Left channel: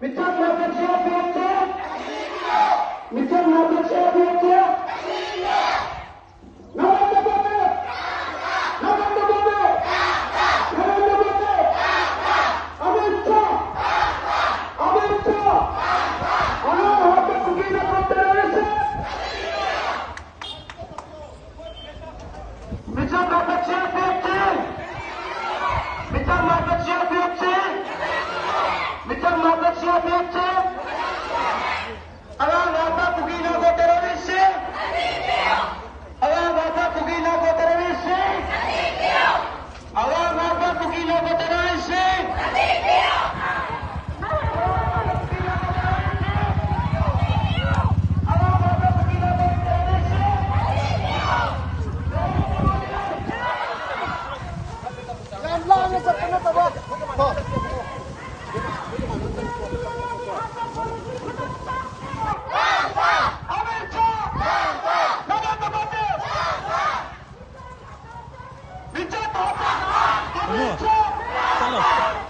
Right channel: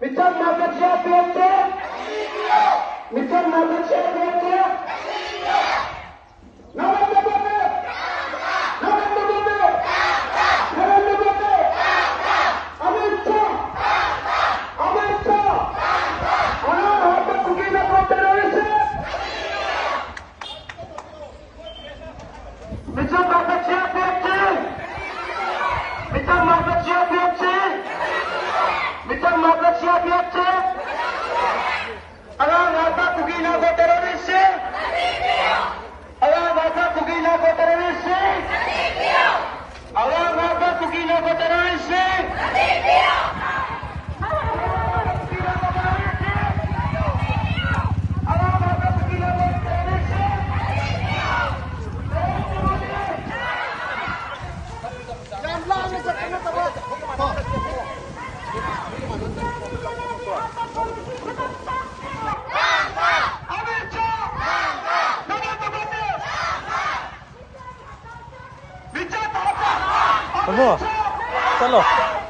Mitan Margaret Piazza? Mitan Margaret Piazza? Narendra Modi! Narendra Modi! Narendra Modi! Amit Shah! Amit Shah! Anand Hata Sugina Controversy! Mitan Margaret Piazza? Mitan Margaret Piazza? Mitan Margaret Piazza? Anand Hata Sugina Controversy! Anand Hata Sugina Controversy! Anand Hata Sugina Controversy! Amit Shah! Narendra Modi! Mitan Hata! Amit Shah!